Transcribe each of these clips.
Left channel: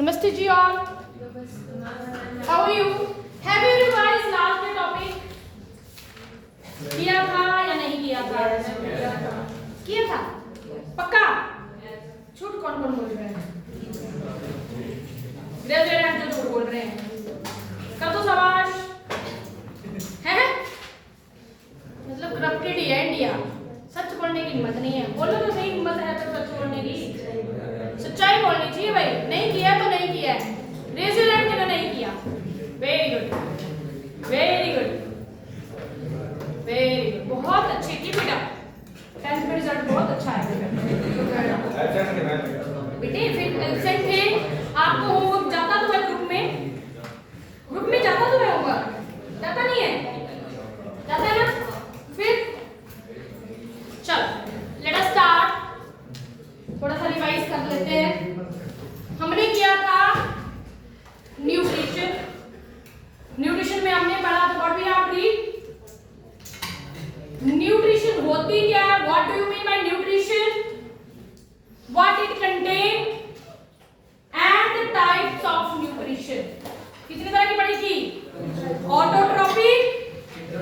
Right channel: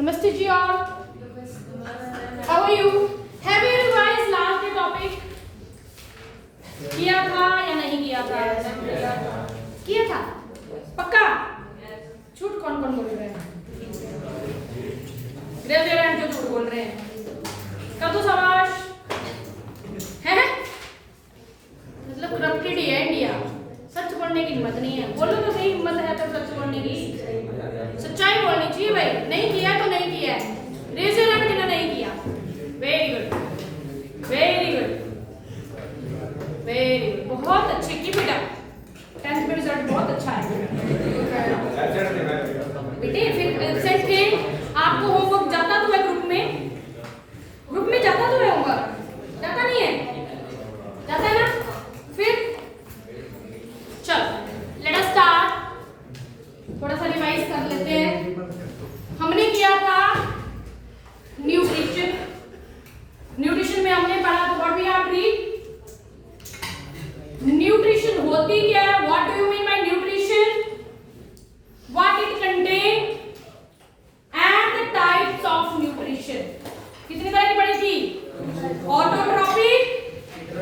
नमस्ते जी all, how are you? Have you revised last day topic? किया था या नहीं किया था? किया था पक्का? झूठ कौन कौन बोल रहे हैं? ग्रेजुएट जो झूठ बोल रहे हैं कर दो शाबाश। है मतलब करप्टेड है इंडिया, सच बोलने की हिम्मत नहीं है। बोलो तो सही, हिम्मत है तो सच बोलने की, सच्चाई बोलनी चाहिए भाई। नहीं किया तो नहीं किया है, रेज योर हैंड जिन्होंने नहीं किया। Very good, very good, very good, बहुत अच्छे की बेटा। 10th में रिजल्ट बहुत अच्छा है बेटे। फिर सेट थे आपको होमवर्क जाता तो है ग्रुप में जाता तो है होमवर्क, जाता नहीं है? जाता है ना? फिर चलो लेट अस स्टार्ट, थोड़ा सा रिवाइज कर लेते हैं। हमने किया था न्यूट्रिशन। न्यूट्रिशन में हमने पढ़ा था what we have read. Nutrition होती क्या है? What do you mean by nutrition? What it contain and the types of nutrition. कितनी तरह की पढ़ी थी? Autotrophic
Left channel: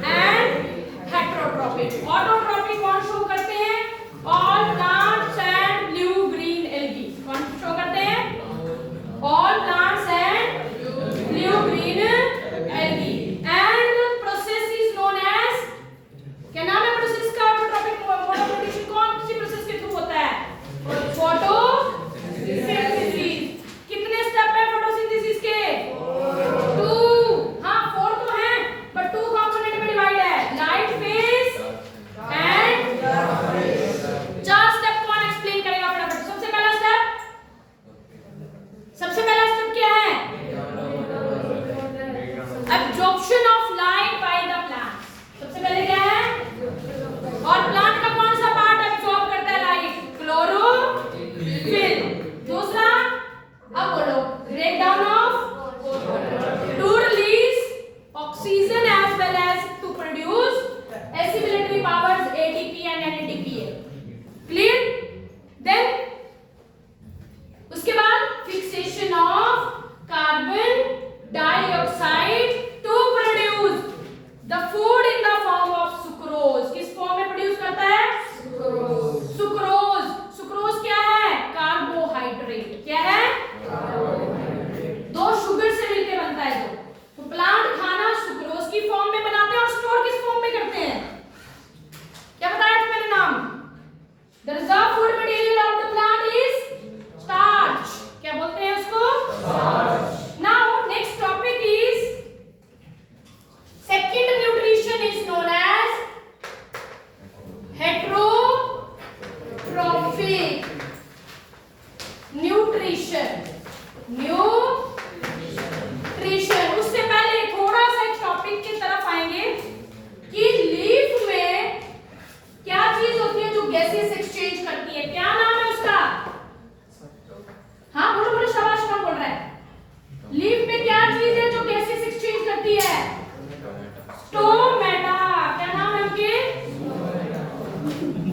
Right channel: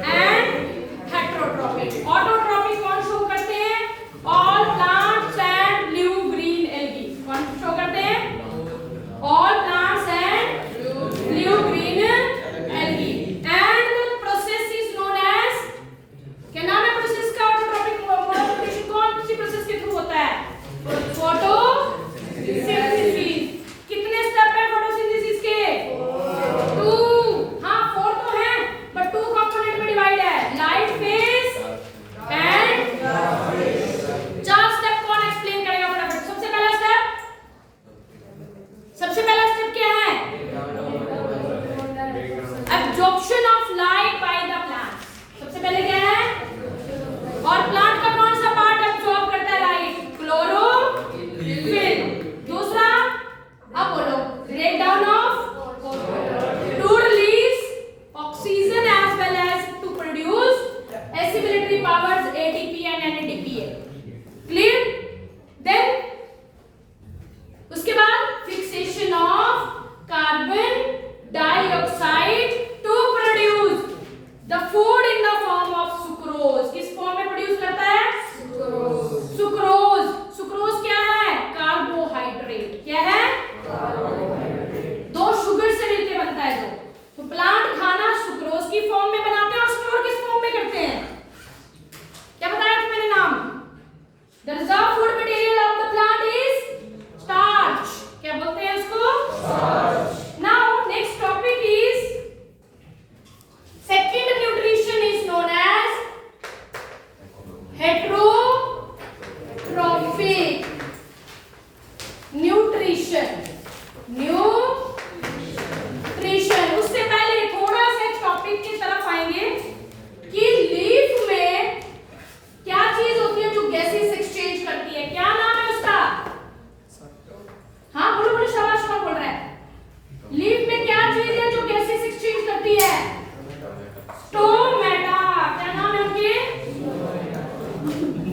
and heterotrophic. ऑटोट्रॉपिक कौन शो करते हैं? All plants and blue green algae. कौन शो करते हैं? All plants and blue green algae. And the process is known as, क्या नाम है प्रोसेस का? ऑटोट्रॉपिक मोड ऑफ न्यूट्रिशन कौन सी प्रोसेस के थ्रू होता है? फोटोसिंथेसिस। कितने स्टेप है फोटोसिंथेसिस के? 2। हाँ 4 तो है बट 2 कंपोनेंट में डिवाइड है, लाइट फेज एंड 4 स्टेप। कौन एक्सप्लेन करेगा फटाफट? सबसे पहला स्टेप क्या है? Absorption of light by the plant. सबसे पहले क्या है? और प्लांट का कौन सा पार्ट एब्जॉर्ब करता है लाइट? क्लोरोफिल। दूसरा, अब बोलो, break down of to release oxygen as well as to produce assimilatory powers ATP and NADP. Clear? Then उसके बाद fixation of carbon dioxide to produce the food in the form of sucrose. किस form में produce करता है? Sucrose. Sucrose क्या है? Carbohydrate. क्या है? दो शुगर से मिलकर बनता है तो प्लांट खाना सुक्रोज की फॉर्म में बनाते हैं और स्टोर किस फॉर्म में करते हैं? क्या बताया था मैंने नाम? The reserve food material of the plant is starch. क्या बोलते हैं उसको? Starch. Now next topic is second nutrition is known as heterotrophic nutrition. उससे पहले थोड़ा सा एक टॉपिक की तरफ आएंगे कि लीफ में क्या चीज होती है जो गैसेस एक्सचेंज करती है? क्या नाम है उसका? हाँ बोलो बोलो, शाबाश। कौन बोल रहा है? लीफ में क्या चीज है जो गैसेस एक्सचेंज करती है? स्टोमेटा। क्या नाम है उनके?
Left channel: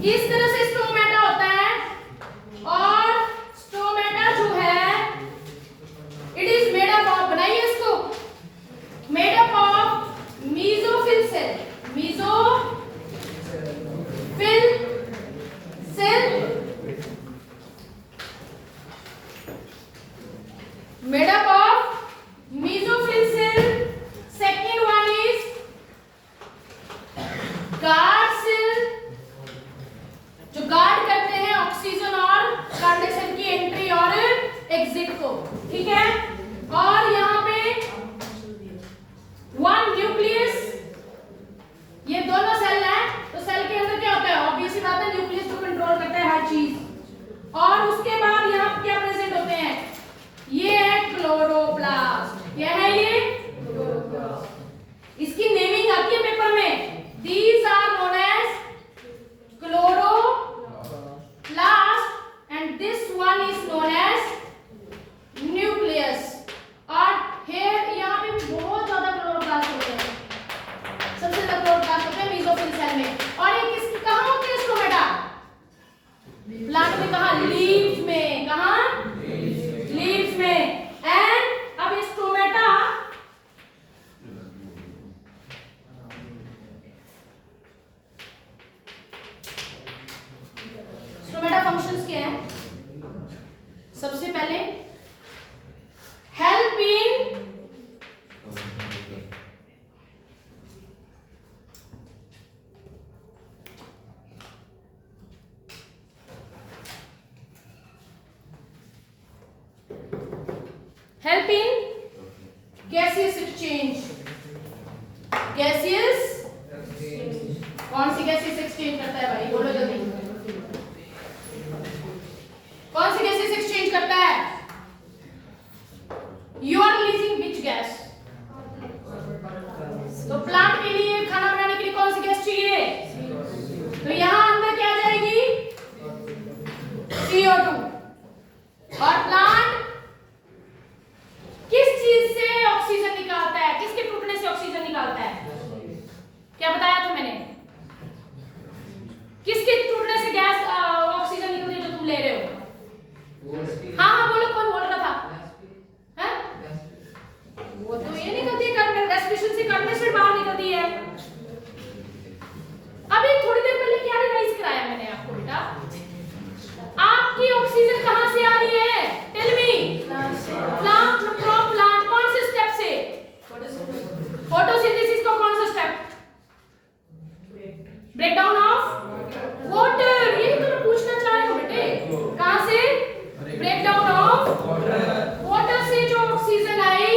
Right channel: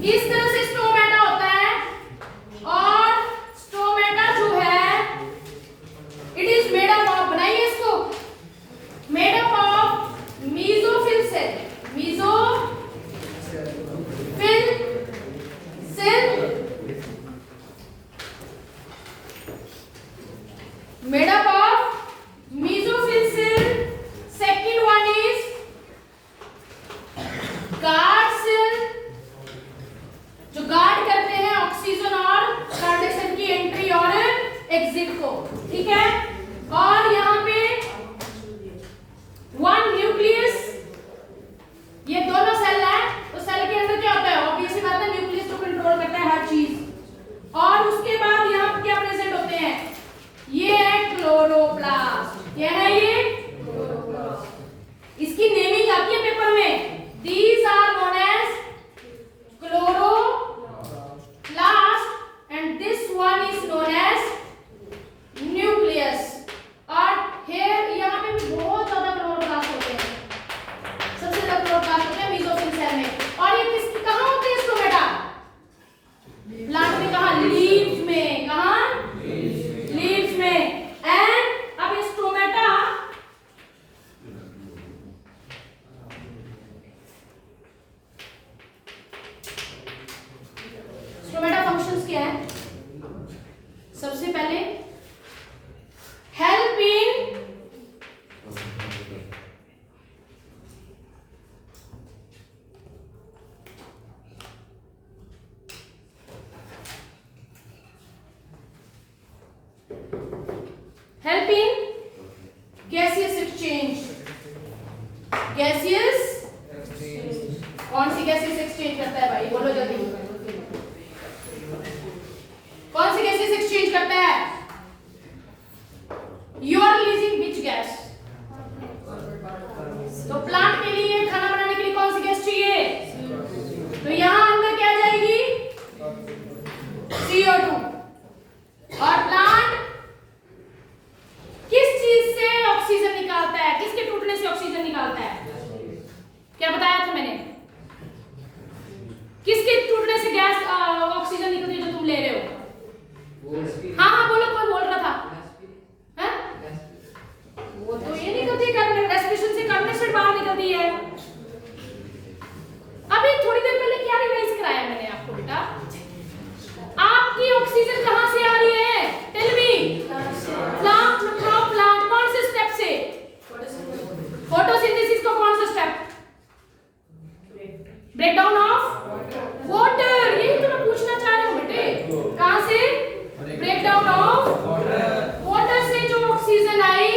इस तरह से स्टोमेटा होता है। और स्टोमेटा जो है it is made up of, बनाइए इसको, made up of mesophyll cell. Mesophyll cell made up of mesophyll cell. Second one is guard cell, जो गार्ड करते हैं ऑक्सीजन और कार्बन की एंट्री और एग्जिट को। ठीक है? और यहाँ पे वन न्यूक्लियस, ये दोनों सेल है तो सेल के अंदर क्या होता है? ऑब्वियसली बात है, न्यूक्लियस तो कंट्रोल करता है हर चीज। और उसके बाद यहाँ क्या प्रेजेंट होते हैं? ये है क्लोरोप्लास्ट। क्या है ये? इसकी नेमिंग आती है पेपर में। These are known as chloroplast and this one is known as nucleus. सबसे पहले help in gaseous exchange. Gaseous कौन सी गैसेस एक्सचेंज करता है भाई, बोलो जल्दी। कौन सी गैसेस एक्सचेंज करता है? You are releasing which gas? तो प्लांट के लिए, खाना बनाने के लिए कौन सी गैस चाहिए? तो यहां अंदर क्या जाएगी? CO2। और प्लांट किस चीज से ऑक्सीजन निकालता है? किसके टूटने से ऑक्सीजन निकालता है? क्या बताया था मैंने? किसके टूटने से गैस ऑक्सीजन निकलती है जो तुम ले रहे हो? हाँ हाँ बोलो, कोई बोल रहा था? है? वो तो ये नहीं करती है, रेस्पिरेशन से कार्बन डाइऑक्साइड बाहर निकलती है। अभी थोड़ी देर पहले क्या रिवाइज कराया मैंने आपको बेटा? आपकी ऑक्सीजन कहां से आ रही है? Tell me. Plant from plant, कौन से स्टेप से? फोटोसिंथेसिस का कौन सा स्टेप? Breakdown of water. यही तो मैं पूछना चाह रही हूं बेटे, कहां से? ब्रेकडाउन ऑफ वाटर से जो ऑक्सीजन आई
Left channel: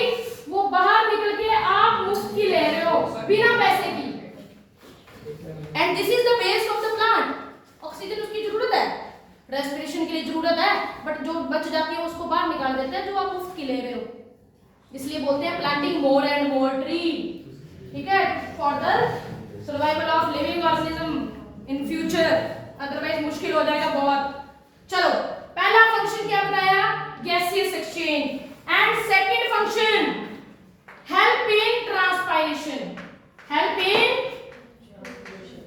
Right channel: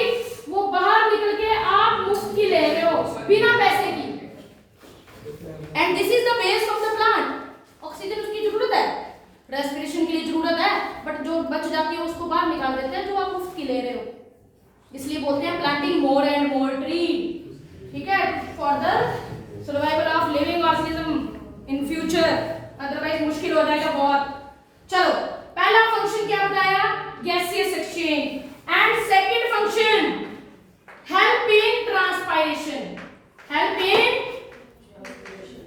वो बाहर निकल के आप मुफ्त की ले रहे हो, बिना पैसे की। And this is the base of the plant. Oxygen उसकी जरूरत है, रेस्पिरेशन के लिए जरूरत है, बट जो बच जाती है उसको बाहर निकाल देते हैं जो आप मुफ्त की ले रहे हो। इसलिए बोलते हैं planting more and more tree, ठीक है, for the survival of living organism in future, otherwise मुश्किल हो जाएगा बहुत। चलो, पहला फंक्शन क्या बताया? Gaseous exchange. And second function help in transpiration. Help in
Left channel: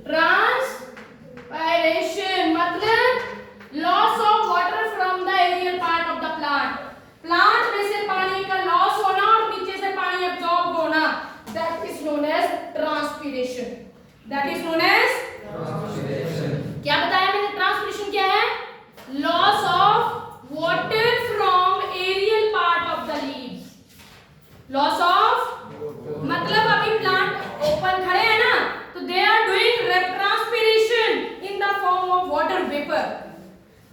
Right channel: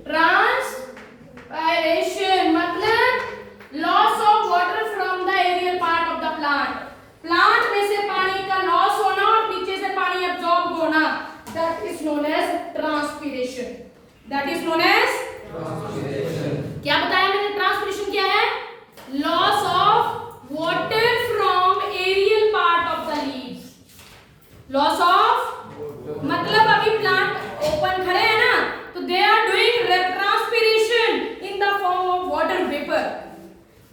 transpiration मतलब loss of water from the aerial part of the plant. Plant में से पानी का लॉस होना और पीछे से पानी एब्जॉर्ब होना, that is known as transpiration. That is known as क्या बताया मैंने? ट्रांसपीरेशन क्या है? Loss of water from aerial part of the leaves. Loss of मतलब अभी प्लांट ओपन खड़े हैं ना, तो they are doing transpiration in the form of water vapour.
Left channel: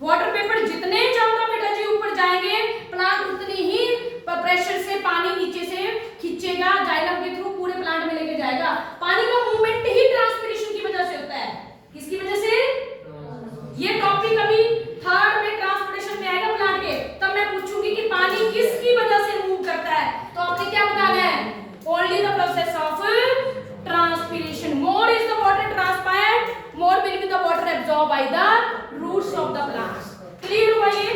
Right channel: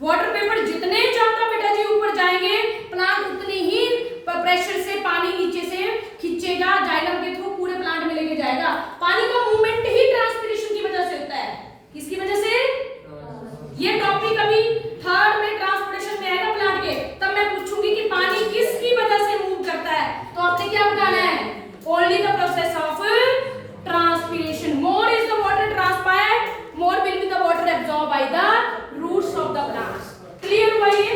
Water vapour जितने ज्यादा बेटा जी ऊपर जाएंगे, प्लांट उतनी ही प्रेशर से पानी नीचे से खींचेगा, जाइलम के थ्रू पूरे प्लांट में लेके जाएगा। पानी का मूवमेंट ही ट्रांसपीरेशन की वजह से होता है। किसकी वजह से? ये टॉपिक अभी थर्ड में ट्रांसपोर्टेशन में आएगा प्लांट के, तब मैं पूछूंगी कि पानी किसकी वजह से मूव करता है, तो आपने क्या बताना है? Only the process of transpiration. More is the water transpired, more will be the water absorbed by the roots of the plants. Clear हुआ ये?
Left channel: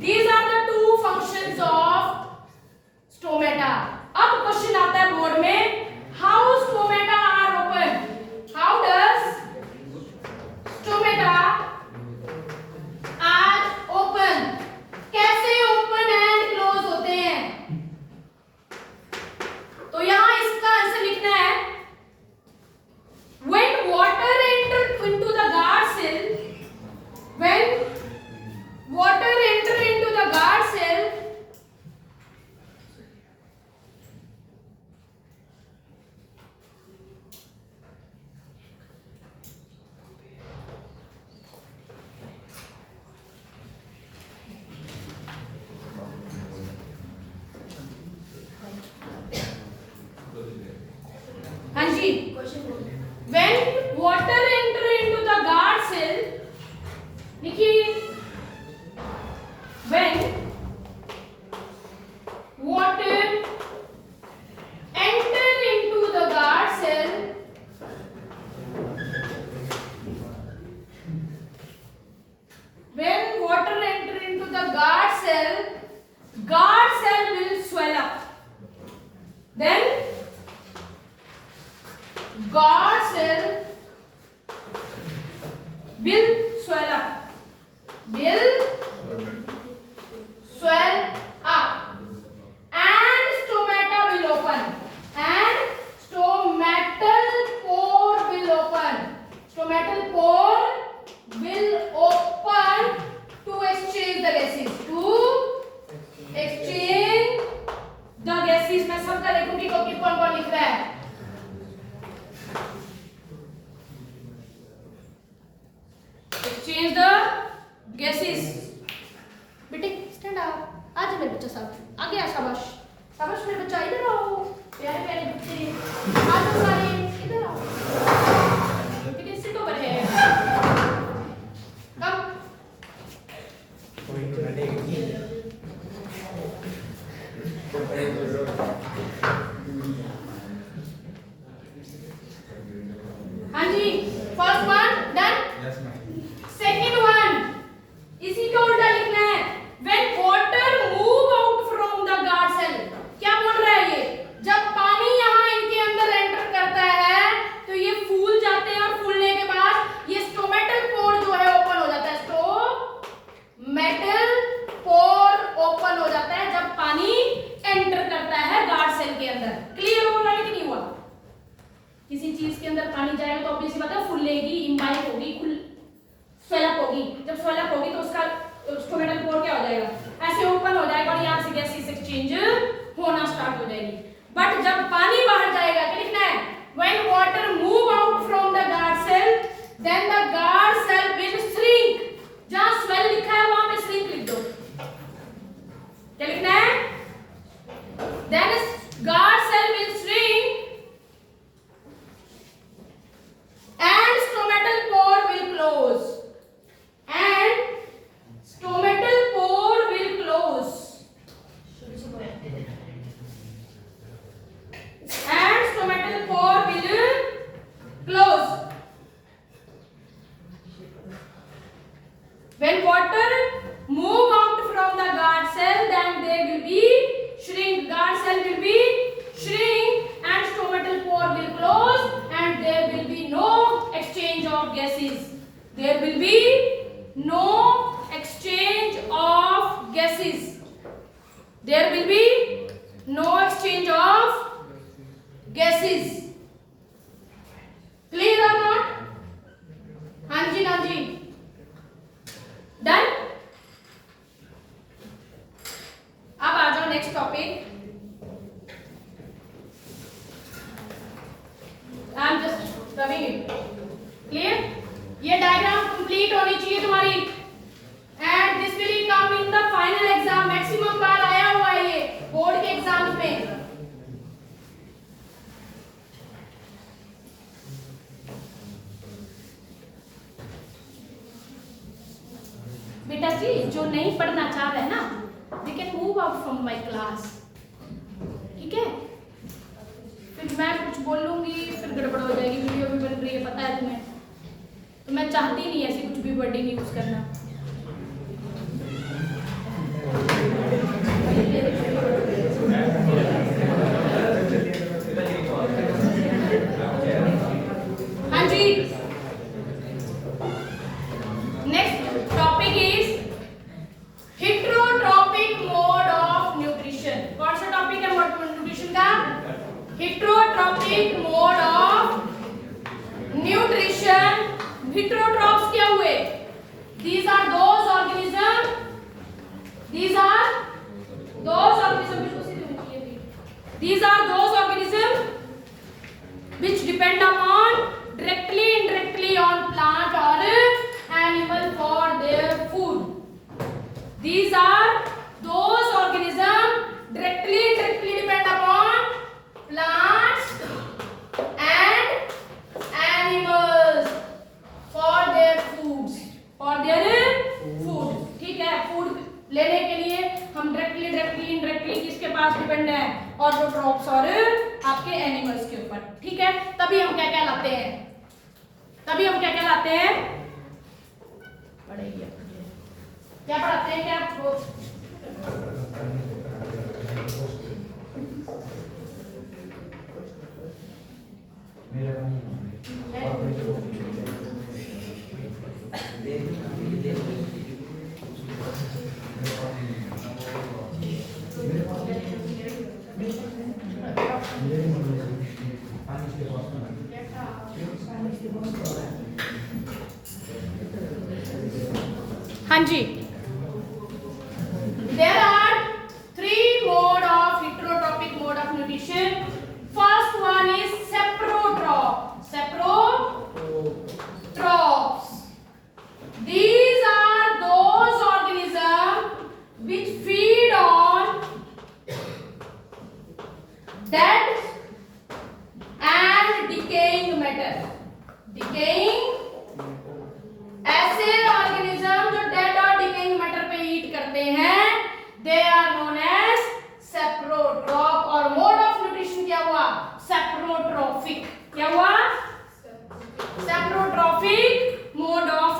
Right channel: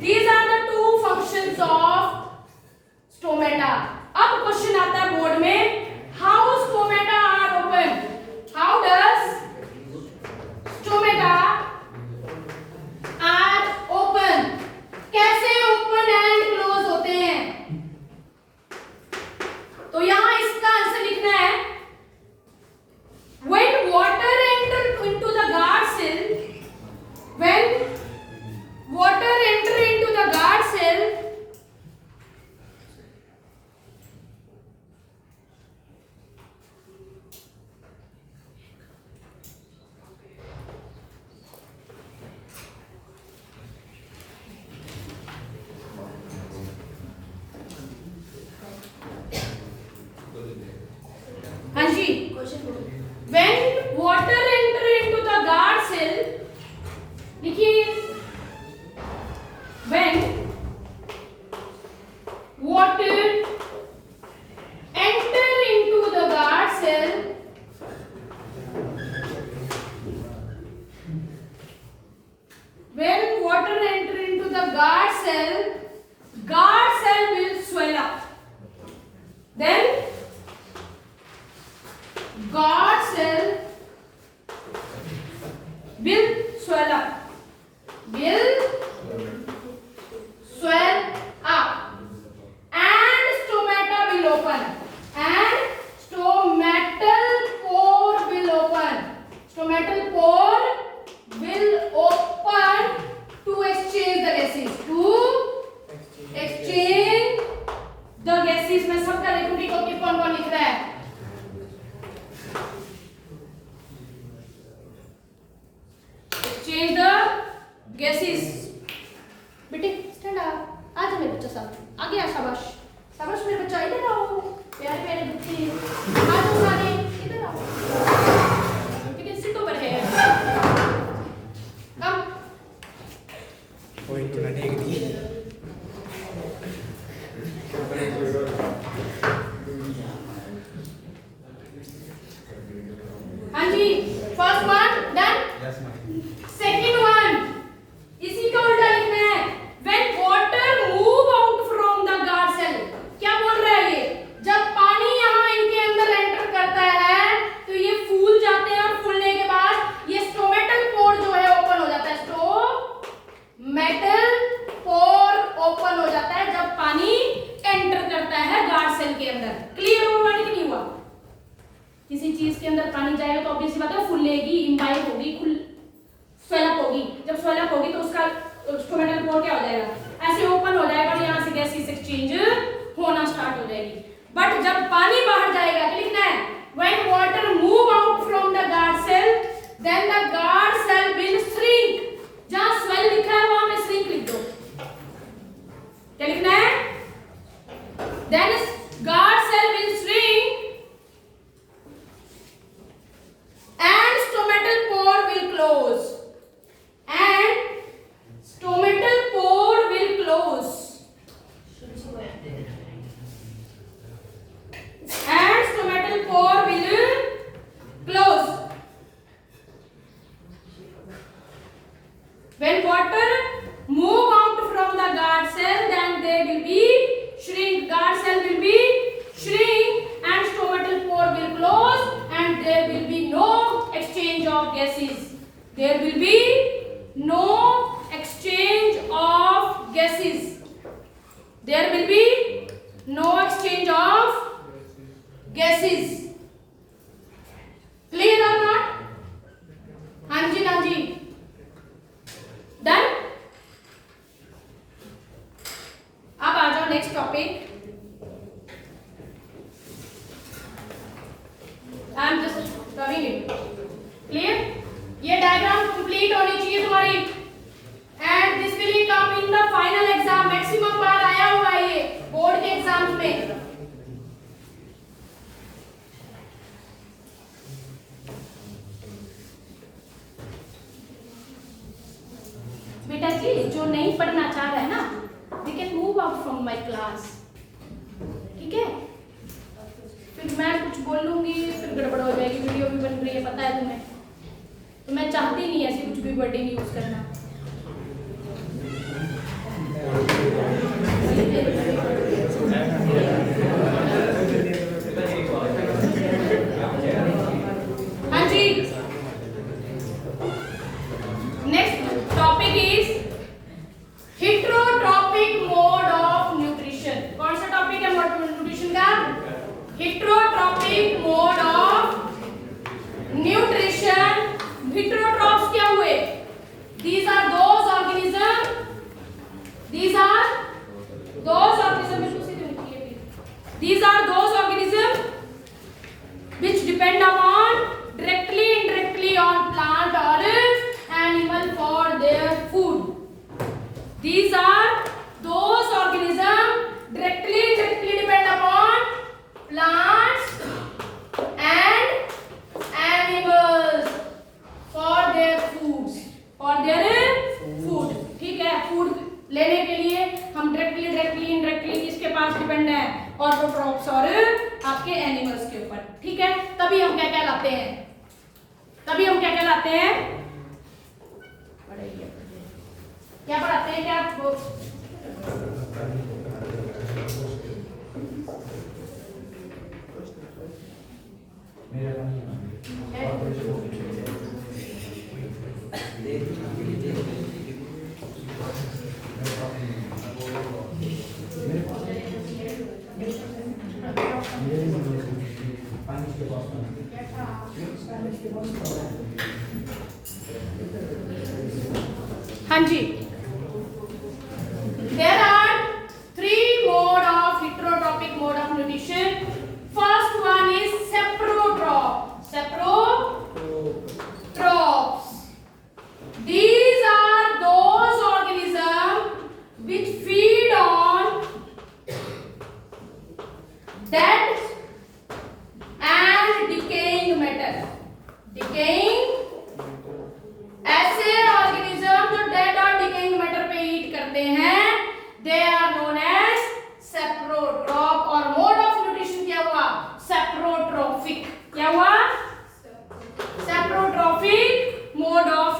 These are the two functions of stomata. अब क्वेश्चन आता है board में, how stomata are open? How does stomata are open? कैसे open and close होते हैं? तो यहां इसका आंसर लिखना है, when water enter into the guard cell, when water enter into the guard cell, हाँ जी, when water enter into the guard cell, देखिए, when water enter into the guard cell, when water enter into the guard cell will swell up. Then guard cell will swell up. Will swell up. And stomata will open. And stomatal pore will open. Stomatal pore will open to exchange the gases. To सबका देखूंगी कौन कौन लिख रहा है। Exchange the gases. बेटे stand आ जा मेरे बच्चा साहब, आ गया, शाबाश शाबाश मेरे बच्चा, इधर आओ प्यारे प्यारे बच्चे, आ जाओ सारे इधर आओ। ठीक है, सिट ओवर है, कम कोई तो नहीं दिए। हाँ जी, first one done. Second one इसी का उल्टा लिखना है। When water move out from the guard cell, क्या बोल रहा है ये? जब पानी यहाँ इनके अंदर एंटर करता है तो ये फूल जाते हैं, और फूलने के बाद ये स्टोमेटल पोर जो है ओपन हो जाता है। स्टोमेटल पोर ओपन हो जाता है जब पानी एंटर करता है गार्ड सेल के अंदर। क्लियर हुआ कि नहीं हुआ? किसी चीज के अंदर पानी जाएगा तो ऑब्वियसली बात है फूलेगी, इम्बाइब होगी, स्वेलअप होगी। जब स्वेलअप होगी तो उसका स्टोमेटल पोर क्या हो जाएगा? ऐसे ओपन हो जाएगा और यहाँ से गैसेस एक्सचेंज होना स्टार्ट हो जाएगी। बट जब पानी बाहर जाएगा क्या लिखना है? When water move out from the guard cell, then the guard cell will shrink. जहाँ swell लिखा है वहां में shrink लिख दो। क्या लिखना है? Then guard cell will shrink and stomatal pore will close. And stomatal pore will close. And stomatal pore will close. When water move out from the guard cell, then they will be shrink. Guard cell will be shrink and stomatal pore will close, and there will be no exchange of gases. There will be no exchange of gases. There will be no exchange of gases. Clear or not? हाँ जी done. अब आ जाओ next topic. I am just raving it. Clear? ये diagram complete होनी चाहिए तुम्हारी, and this will come in the final exam. Maximum बार आया हुआ है ये बोर्ड के एग्जाम्स में। बेटा जी जो नहीं पढ़ना चाह रहा है ना, they can move out from my class. ठीक है, फिर मैं कुछ बोलूंगी फिर गड़बड़ हो जाएगी, वीडियो भी बन रही है पता है तुम्हें, तो मैं चाहती नहीं ऐसी कुछ भी वर्डिंग यूज करना। हाँ जी, next topic is heterotrophic mode of nutrition. कौन सा टॉपिक है मोड न्यूट्रिशन का? Heterotrophic mode of nutrition. Heterotrophs क्या हुए? These are those organisms These are those organisms which depend upon directly indirectly on plant or animal for their food. These are those organisms directly indirectly depend upon plants and animals for their foods. For their food. ठीक है, food लेने के लिए हम directly indirectly किसके पास depend है? Autotrophs और आपके एनिमल्स के ऊपर। ठीक है, तभी हम क्या कहलाते हैं? क्या पढ़ाते हैं? क्या आपको हाँ जी, there are three mode of heterotropic mode of nutrition. First one is saprotrophs. Saprotrophs. These are those organisms which feed on dead and decaying matter. Decaying, ऐसे ऑर्गेनिज्म जो डेड और डिकेइंग मैटर पे ईट करते हैं, दे आर नोन एज सेप्रोट्रॉप. और mode of nutrition क्या हुआ? Saprotrophic. क्या हुआ? Saprotrophic mode of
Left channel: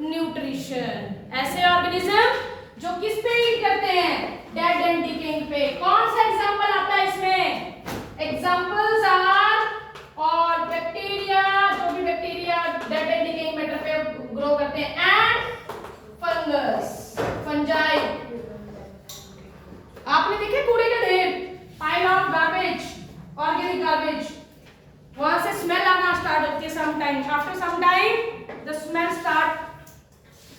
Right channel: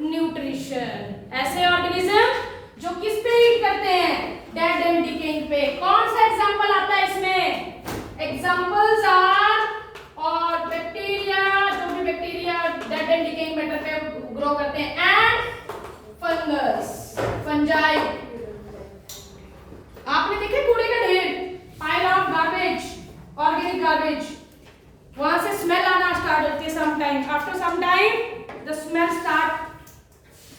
nutrition. ऐसे ऑर्गेनिज्म जो किस पे ईट करते हैं? डेड एंड डिकेइंग पे. कौन सा एग्जांपल आता है इसमें? एग्जांपल्स आर और बैक्टीरिया, जो भी bacteria dead and decaying matter पे ग्रो करते हैं, एंड फंगस, फंजाई. आपने देखे कूड़े का ढेर, pile of garbage, organic garbage, वहां से स्मेल आना स्टार्ट होती है. Some time, after some time the smell start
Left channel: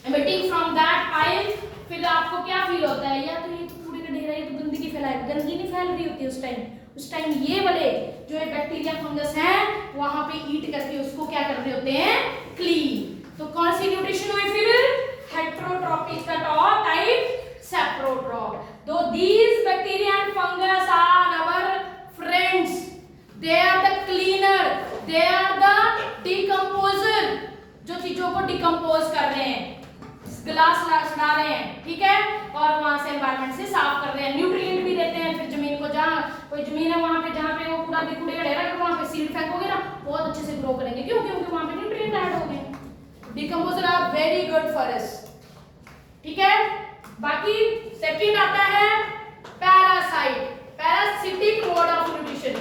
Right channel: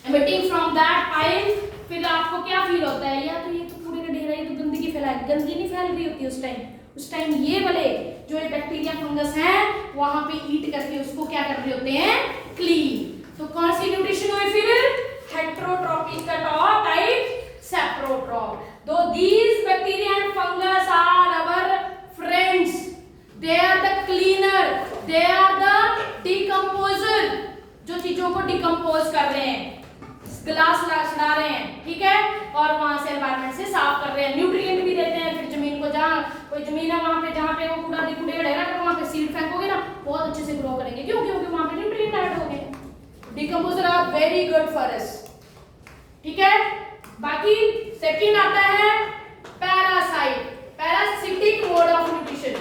emitting from that pile. फिर आपको क्या फील होता है? या तो ये तो कूड़े का ढेर है, ये तो गंदगी फैलाए. गंदगी नहीं फैल रही होती उस टाइम ये वाले जो ये बैक्टीरिया फंगस हैं वहां पे ईट करके उसको क्या कर रहे होते हैं? क्लीन. तो कौन सी न्यूट्रिशन हुई फिर? हेटेरोट्रॉपिक का टाइप सेप्रोट्रॉप. दो these bacteria and fungus are our friends. They are the cleaner. They are the decomposer. जो चीजों को डिकम्पोज कर रहे हैं, ग्लास सड़ा रहे हैं, ठीक है, और वहां से एनवायरनमेंट से साफ कर रहे हैं. न्यूट्रिएंट भी देते हैं. फिर जमीन को, जहाँ कोई जमीन है वहां पे, जहाँ पे वो कूड़ा कूड़े का ढेर है, वहां पे सीड फेंकोगे ना, बहुत अच्छे से ग्रो करेंगे. क्यों? क्योंकि वहां पे न्यूट्रिएंट ऐड हो गए. Decomposer are very good for us. ठीक है. बाकी सेकंड आता है parasite. Parasitic mode of nutrition.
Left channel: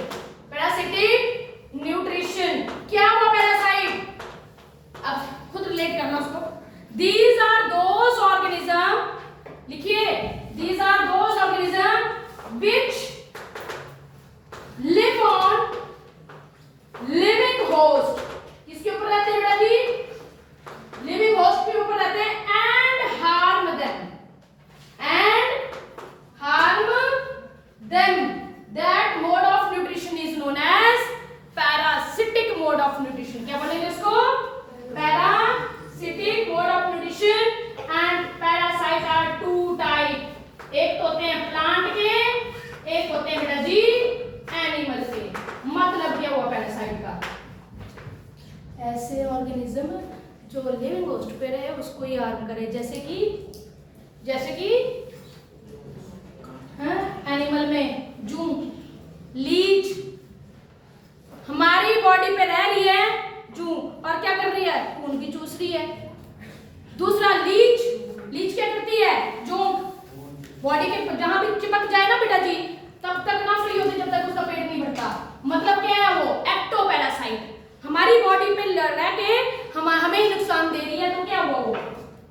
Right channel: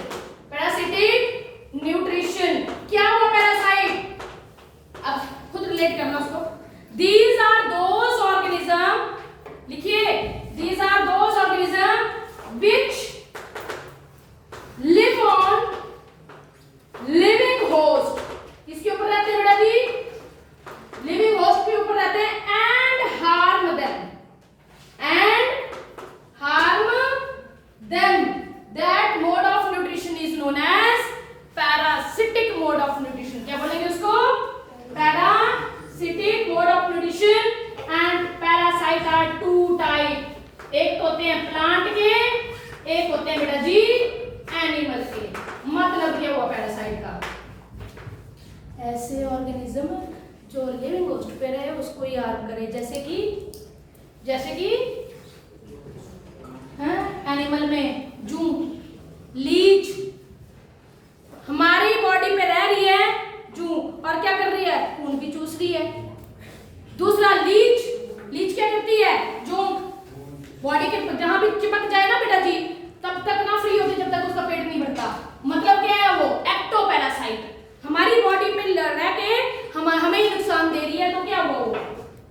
Parasitic nutrition. क्या हुआ पैरासाइट? अब खुद रिलेट करना उसको. These are those organism, लिखिए, these are those organism which live on living host. किसके ऊपर रहते हैं बेटा जी? लिविंग होस्ट के ऊपर रहते हैं. and harm them. That mode of nutrition is known as parasitic mode of nutrition. क्या बोलेंगे उसको? Parasitic mode of nutrition. And parasite are two type. एक तो होते हैं प्लांट के, एक होते हैं बेटा जी एनिमल के. मतलब क्या हुआ पैरासाइट का? ऐसे ऑर्गेनिज्म जो लिविंग होस्ट पे रहे उसको ही हार्म करे. जैसे कि एनिमल में जू, लीच. हमारी बॉडी पे रह रही है जू, और क्या कर रही है? खून भी चूस रही है. दूसरा लीच क्या करती है? जोंक. बॉडी के जहां भी चिपक जाए ना बेटा जी, तब तक ना फ्री होती जब तक उसका पेट नहीं भरता. मतलब क्या है? वो एक्टोपैरासाइट. हमारी बॉडी पे रह के हमें ही नुकसान दे रही है. तो क्या हुआ? वो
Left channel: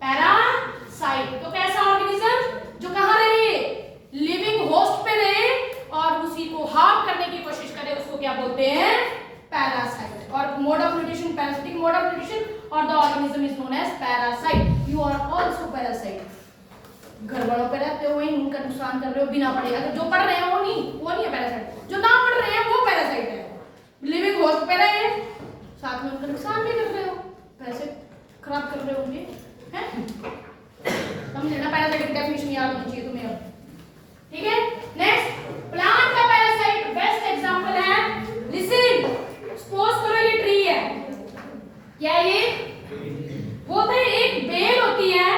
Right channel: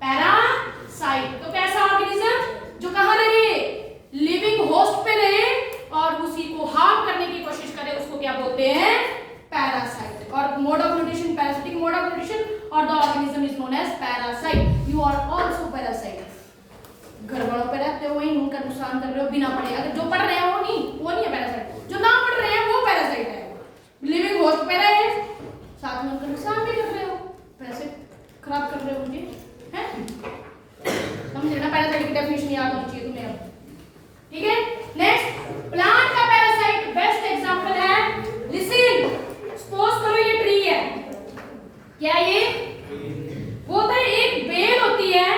पैरासाइट. तो कैसा ऑर्गेनिज्म जो कहां रहे? लिविंग होस्ट पे रहे और उसी को हार्म करने की कोशिश करे, उसको क्या बोलते हैं? पैरासाइट. और mode of nutrition parasitic mode of nutrition, और the organism is known as parasite. You are also parasite. घर वालों पे रहते हो, वही उनका नुकसान कर रहे हो बिना पढ़े. अगर जो पढ़ रहे हैं वो नहीं है पैरासाइट. जो ना पढ़ रहे हैं वो पैरासाइट है. लिविंग होस्ट पे रहे, साथ में उनका नुकसान भी कर रहे हो, पैसे खराब कर रहे हो उनके, हैं? समझना. पैरासाइट की डेफिनेशन याद होनी चाहिए तुम्हें अब. ठीक है. नेक्स्ट, प्लांट का पैरासाइट बेस्ट एग्जांपल है. लिसन, सपोज करो ये ट्री है. क्या ये? बोलते हैं एक बेल होती है,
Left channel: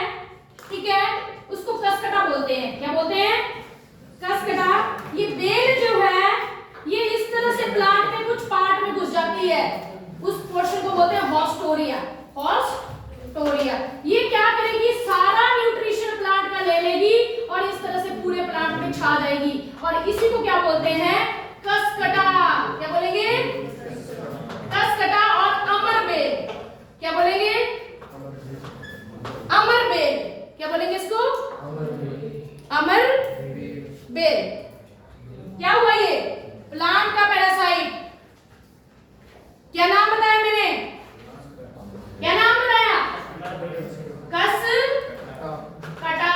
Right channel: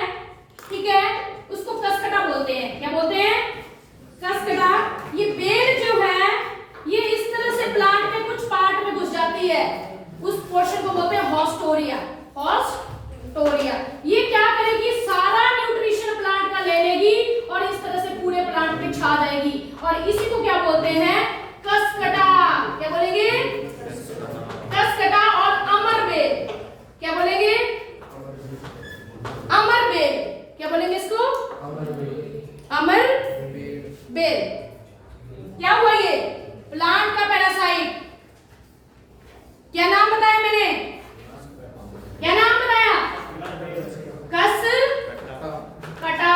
ठीक है, उसको कसकटा बोलते हैं. क्या बोलते हैं? कसकटा. ये बेल जो है ये इस तरह से प्लांट में कुछ पार्ट में घुस जाती है. उस पोर्शन को बोलते हैं हॉस्टोरिया. हॉस्टोरिया. ये क्या करेगी? सारा न्यूट्रिशन प्लांट का ले लेगी और इस तरह से पूरे प्लांट में छा जाएगी. और इसी को क्या बोलते हैं? कसकटा. क्या बोलेंगे? कसकटा. और अमर बेल. क्या बोलेंगे? अमर बेल. क्या बोलेंगे इसको? अमर बेल. क्या हुआ? ये प्लांट का पैरासाइट. क्या नाम बताया मैंने? क्या नाम बताया? कसकटा.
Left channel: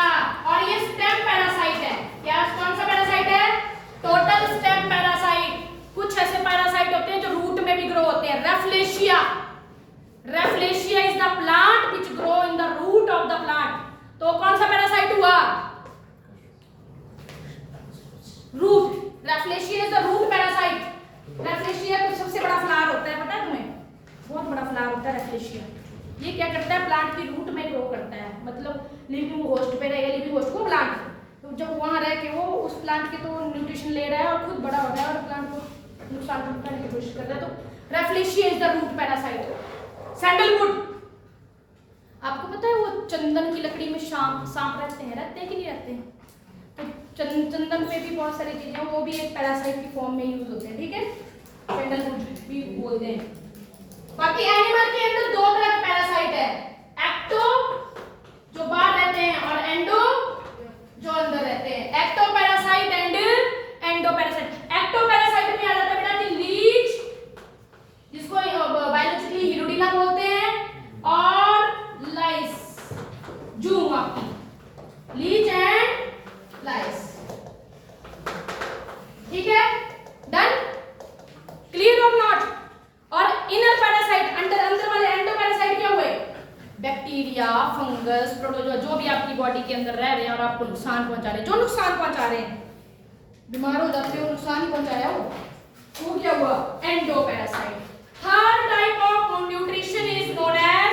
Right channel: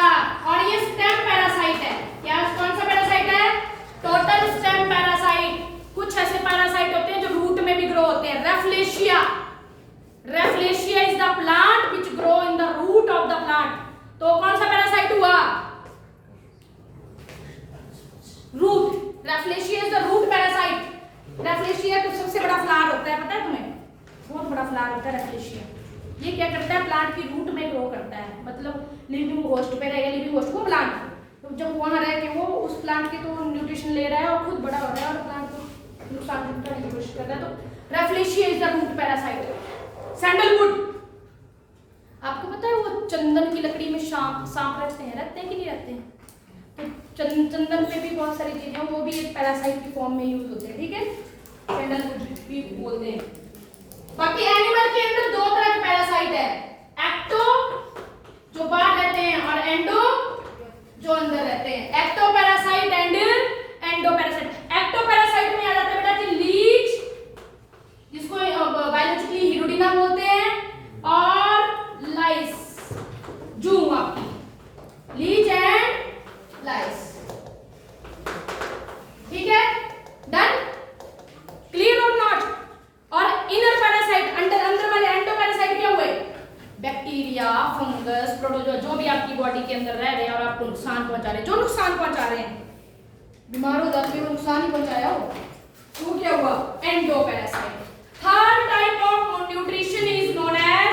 और ये स्टेम पैरासाइट है. क्या? कौन सा पैरासाइट है? Total stem root, Rafflesia is the root parasite. Rafflesia का सबसे बड़ा फ्लावर होता है, पता है तुम्हें? बहुत बड़ा फ्लावर होता है रैफ्लेशिया। ये क्या करता है? प्लांट की रूट में ग्रो करता है, मतलब लिविंग होस्ट पे रहेगा, लिविंग होस्ट को प्लांट, तो जब वहां रह के वो उस प्लांट के तो न्यूट्रिशन ले रहा है और खुद बड़ा हो रहा है और प्लांट को नुकसान पहुंचाने की कोशिश कर रहा है, तो Rafflesia is the root parasite. Sandalwood, आपको पता है वो चंदन की लकड़ी में सांप रहते हैं कि नहीं रहते हैं? तो चंदन पे भी बहुत सारी चीजें, वो भी एक पैरासाइट की फॉर्म में यूज होते हैं, ठीक है? सैंडलवुड भी बोलते हैं। बाकी एनिमल के अंदर दो तरह के पैरासाइट है, एक्टो जो बाहर रहते हैं और एंडो जो अंदर रहते हैं। Ectoparasite and endoparasite. Ectoparasite में आ जाता है बेटा कि लीच, जिसको बायोलॉजिकली हिरोडिना बोलते हैं, और लाइस, जूम आपकी, लीच एंड लाइस, ठीक है? डन, क्लियर और नॉट? और इनर पैरासाइट, अंदर वाले एंडो पैरासाइट क्या हुए? बैक्टीरिया, फंगस, प्रोटोजोआ, जो भी आपकी बॉडी के अंदर रह रहे हैं और आपको नुकसान पहुंचा रहे हैं, जो नुकसान पहुंचा रहे हैं, बीमार हो जाते हो, नुकसान ही पहुंचाया हो, तो क्या हुआ? Endoparasite. Third type of nutrition is known as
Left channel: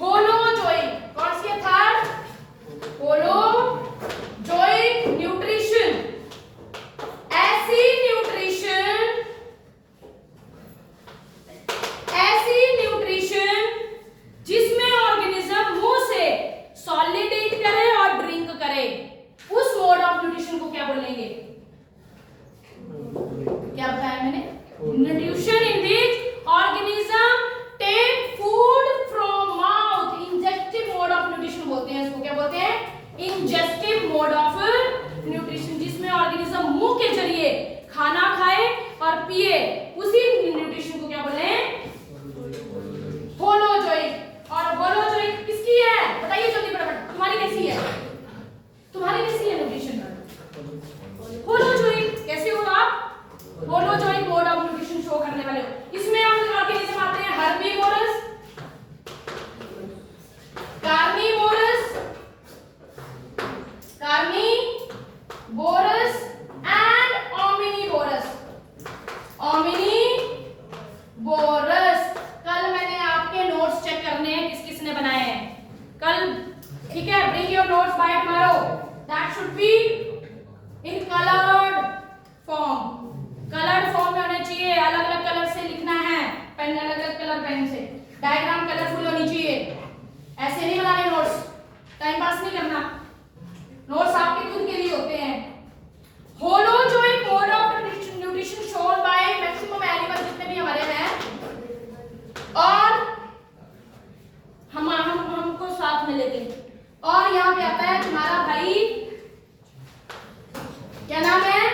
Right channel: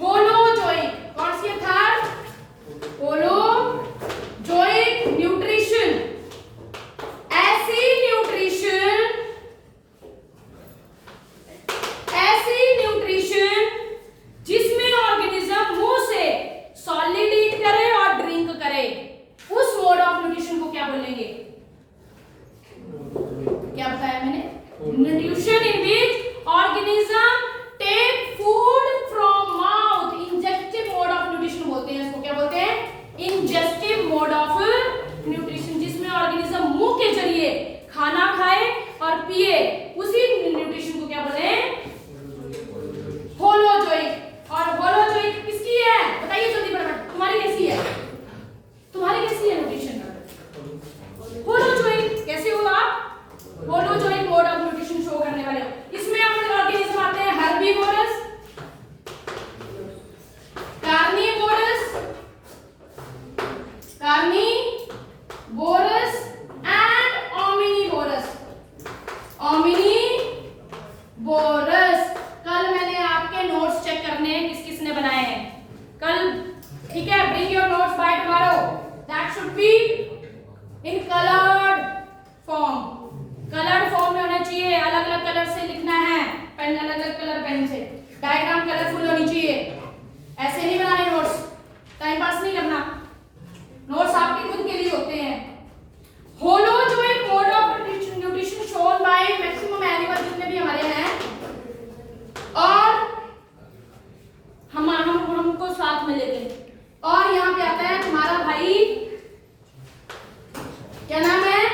holozoic. कौन सी है थर्ड? Holozoic nutrition. ऐसी न्यूट्रिशन जिसमें ऑर्गेनिज्म मुंह से सॉलिड ईट करे और ड्रिंक करे, उस मोड ऑफ न्यूट्रिशन को क्या बोलेंगे? क्या बताया मैंने? Nutrition in which organism take food from mouth, ingestive mode of nutrition बोलते हैं इसको। क्या बोलते हैं? इंजेक्टिव मोड ऑफ न्यूट्रिशन, जिसमें ऑर्गेनिज्म मुंह के जरिए खाना खाए और पिए, उसी न्यूट्रिशन को क्या बोले हैं? होलोजोइक। और होलोजोइक किसकी है? बताइए जल्दी फटाफट, तुम्हारी कैसी है? तुम्हारी कैसी है न्यूट्रिशन? होलोजोइक। कैसे हो आप? Holozoic mode of nutrition show करने वाले हो। इसमें ऑर्गेनिज्म आते हैं हर्बीवोरस, कार्निवोरस एंड ओमिनिवोरस। कल मैंने आपके नोट्स चेक करने हैं किस किसने बनाए हैं कल, ठीक है? Bring your notes by tomorrow, that should be in coloured form. Coloured form में होने चाहिए, अलग अलग कलर से लिखना है, पेन अलग अलग कलर पेन से, डायग्राम कलरफुल होनी चाहिए। ऐसे नहीं बनाने नोट्स, टाइम पास नहीं करना, नोट्स आपके खुद के लिए होते हैं। Holozoic mode of nutrition shown by maximum animal जितने भी हमारे हैं, और हमको साथ में लेके, और यहाँ पे आता है तुम्हारा भाई, क्या नाम है?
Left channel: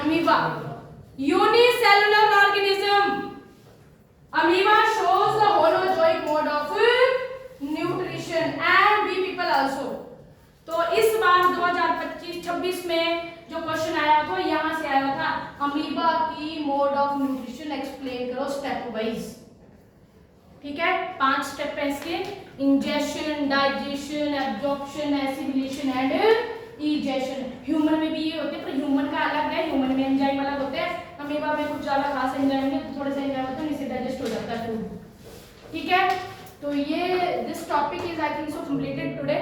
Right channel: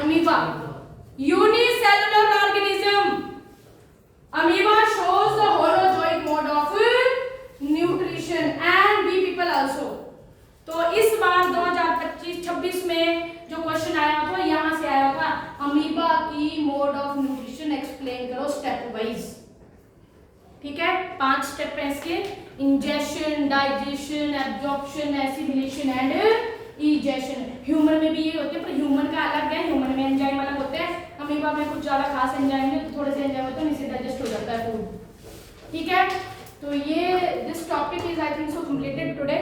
Amoeba, unicellular organism. Amoeba shows the holozoic mode of nutrition and bee people also। तो इस बार 2025-26 में जो क्वेश्चन आया था यहाँ से आया था, अमीबा की मोड ऑफ न्यूट्रिशन एक्सप्लेन करो स्टेप वाइज, ठीक है? 5 स्टेप है इसके, ingestion, digestion, absorption, assimilation and egestion. Human में भी ये होते हैं, पर ह्यूमन का अलग है, ह्यूमन में एंजाइम अलग होते हैं, अमीबा में कुछ ज्यादा खास एंजाइम है, तो थोड़े से एंजाइम होते हैं, इससे डाइजेस्ट हो जाता है फूड, ठीक है? तो ये this topic is I think so completed today.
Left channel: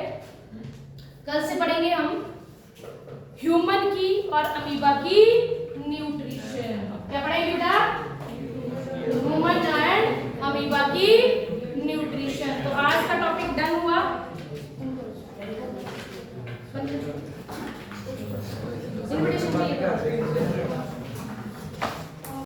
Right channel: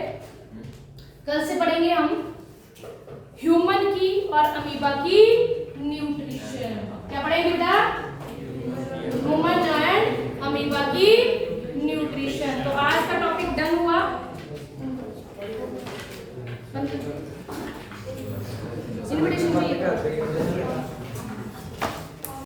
कल से पढ़ेंगे हम ह्यूमन की और अमीबा की न्यूट्रिशन। क्या पढ़ेंगे बेटा? ह्यूमन एंड अमीबा की न्यूट्रिशन। तो आज का टॉपिक डन